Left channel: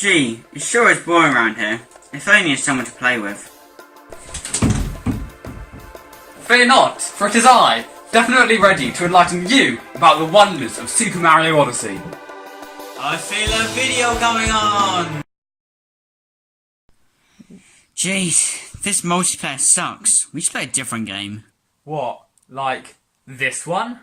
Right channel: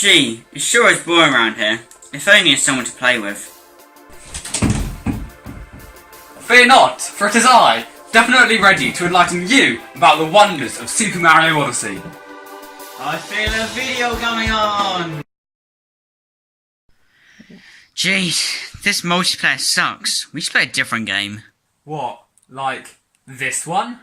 Gee, it sure is boring around here. If only there's someone to play with. Fear not, for it is I, definitely ready to enlighten you about the wonders of Super Mario Odyssey. I feel a video coming on! Jeez, this multiplayer sucks. We should play a different game. What, like this one?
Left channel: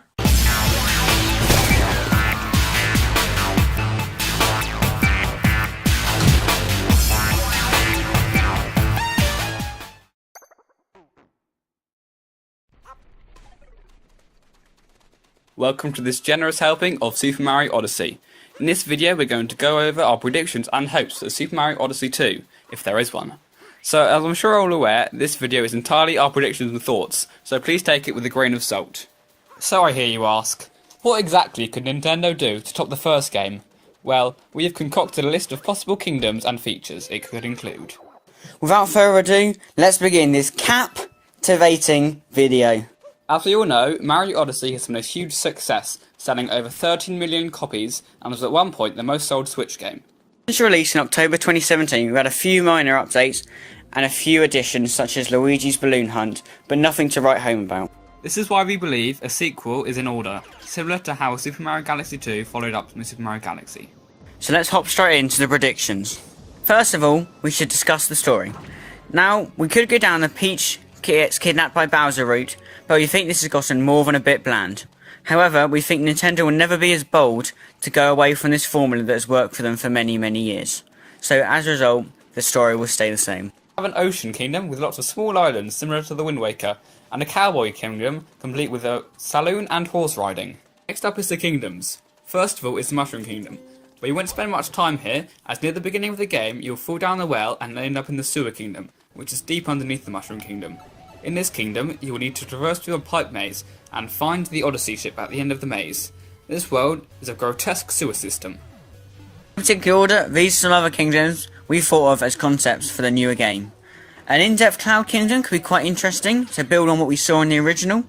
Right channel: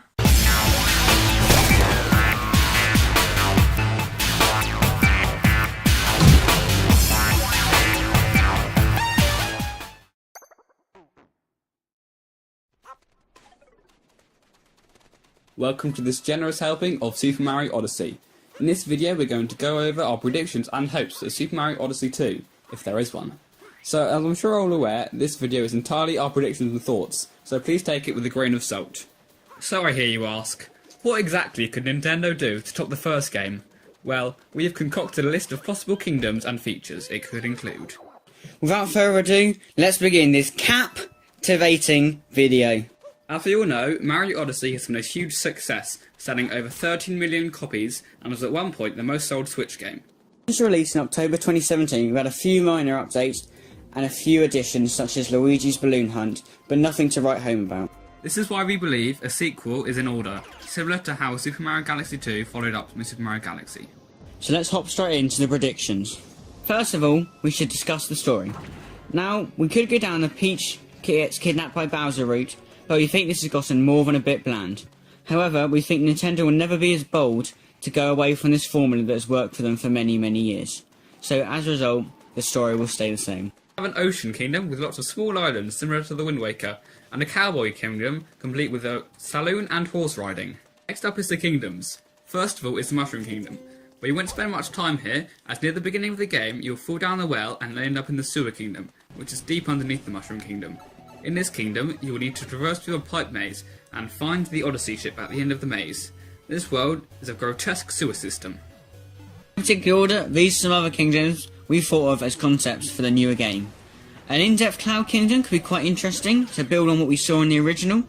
Welcome to this generous helping of Super Mario Odyssey. In this video we're going to go over our predictions and hopes for Super Mario Odyssey 2, if there is one. So as I'm sure you're all aware, this video is entirely our predictions and thoughts, so please take it with a grain of salt. So I hear you ask, what exactly could Nintendo do to top the first game? Well, we have concocted a list of possible kingdoms and features it could include. Without further ado, let's begin this captivating video. As we all know, Mario Odyssey has been a huge success, selling over 13 million copies and was at one point the most sold Switch game. Since release in October 2017, we've had a few minor updates and a few additions such as Luigi's Balloon Hunt, but nothing to write home about. This is why we believe a sequel is in order, similar to how Super Mario Galaxy 2 followed up with Super Mario Galaxy. So let's hop straight into the predictions. First of all, we should discuss the story. Now, we could go down the Peach gets kidnapped by Bowser route, but we think this has gotten more than a bit bland. However, we think Nintendo will never be as bold to go away from this formula that has worked for them for many, many years. So as a result, the story will stay the same. We have an ocean kingdom with lots of small islands similar to the Wind Waker, and a cowboy kingdom complete with a saloon and horse riding. Next up is the kingdoms. First of all is the Mushroom Kingdom, but you won't spend much time here, as near the beginning of the game you'll fall down the well and end up in the Sewer Kingdom, which is deep underneath the Mushroom Kingdom. In this kingdom, you will need to traverse through a pipe maze and find the Odyssey ship at the end of the maze. This world is a grotesque sewer system. In particular order, these are some other kingdoms we thought of as concepts for the newer game. An in-depth cloud kingdom could be quite interesting to build on what we saw in the original.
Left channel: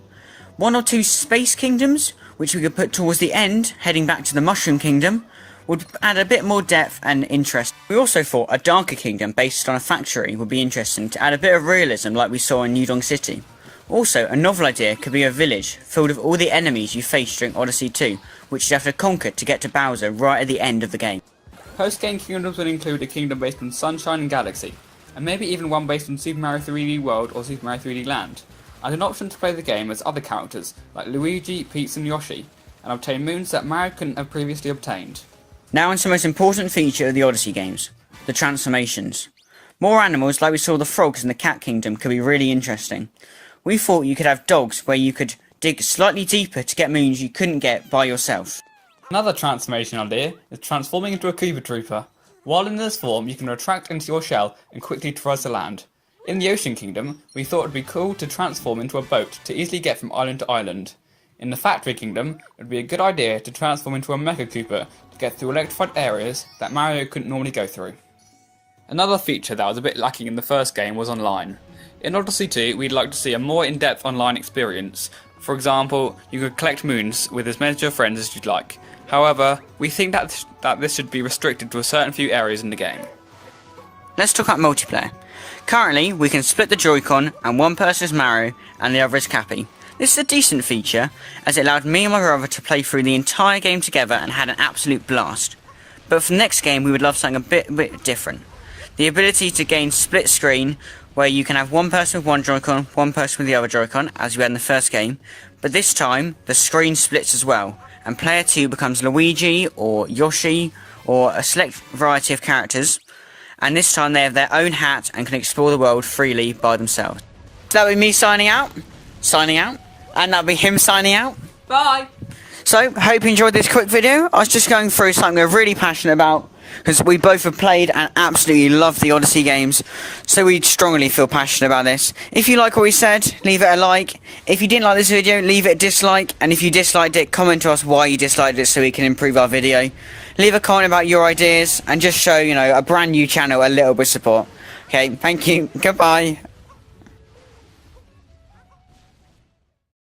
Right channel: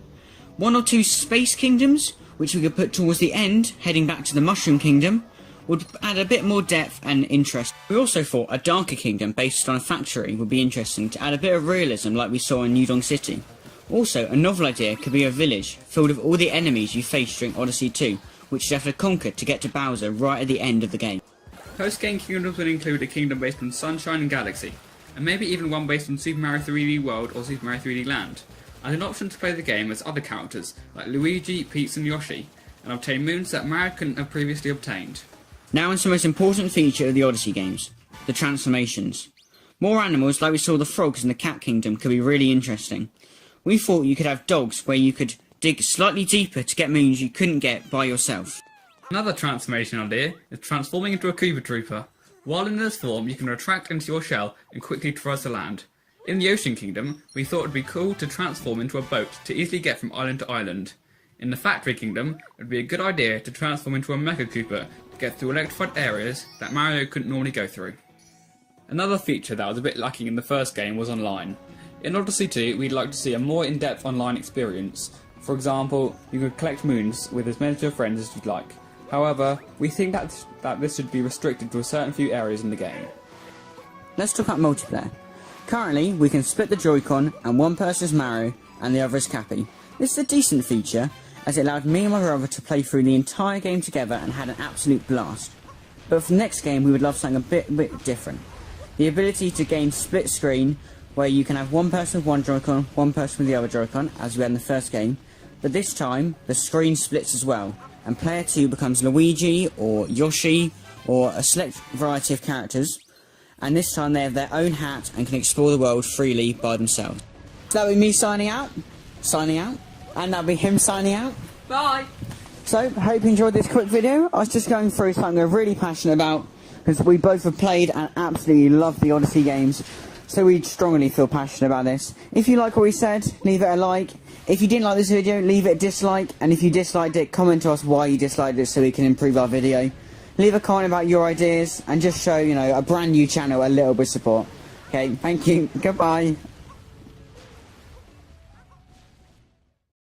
One or two space kingdoms, which we could put towards the end, heading back to the Mushroom Kingdom, would add a bit more depth and interest. We also thought a darker kingdom based on a factory would be interesting to add a bit of realism like we saw in Udon City. Also, a novel idea could be a village filled with all the enemies you face during Odyssey 2, which you have to conquer to get to Bowser right at the end of the game. Post-game kingdoms would include a kingdom based on Sunshine and Galaxy, and maybe even one based on Super Mario 3D World or Super Mario 3D Land, and an option to play the game as other characters like Luigi, Peach and Yoshi, and obtain moons that Mario couldn't have previously obtained. Now into the most important feature of the Odyssey games, the transformations. More animals like we saw the frogs in the Cat Kingdom could be really interesting. We thought you could have dogs where you could dig slightly deeper to get moons you couldn't get by yourself. Another transformation idea is transforming into a Koopa Trooper. While in this form, you can retract into your shell and quickly traverse the land. In the Ocean Kingdom, we thought it would be cool to transform into a boat to easily get from island to island. In the Factory Kingdom, it would be a good idea to transform into a Mecha Koopa to get through electrified areas that Mario couldn't normally go through. Another feature that was a bit lacking in the first game was online. In Odyssey 2, we'd like to see a more in-depth online experience. For example, you could collect moons with as many of your friends as you'd like. However, we think that this should be restricted to a certain few areas in the game. Let's talk about multiplayer. Currently, we can split the Joy-Con and one person is Mario and the other is Cappy. This is a decent feature, as it allowed me and my brother to play through the entire game together and had an absolute blast. But for the next game, we would love something a bit different. The ability to gain split screen, where you can have one person with one Joy-Con, one person with the other Joy-Con, as we had in the first game. But this time, the screen splits as well, and player 2 becomes Luigi, or Yoshi, or a select variety of characters. And this time they have their own hat and can explore the world freely by themselves. So that would be me signing out. And that'll be him signing out. Bye! So, hope you enjoyed this quick video. I was just going through something we're really passionate about, because we both have played and absolutely love the Odyssey games, so we strongly feel passionate about this. If you like what we said, leave it a like. If you didn't like this video, leave it a dislike, and if you disliked it, comment to us why you disliked it so we can improve our video. Leave a comment about your ideas, and just show, a brand new channel a little bit of support. Okay, thank you, goodbye.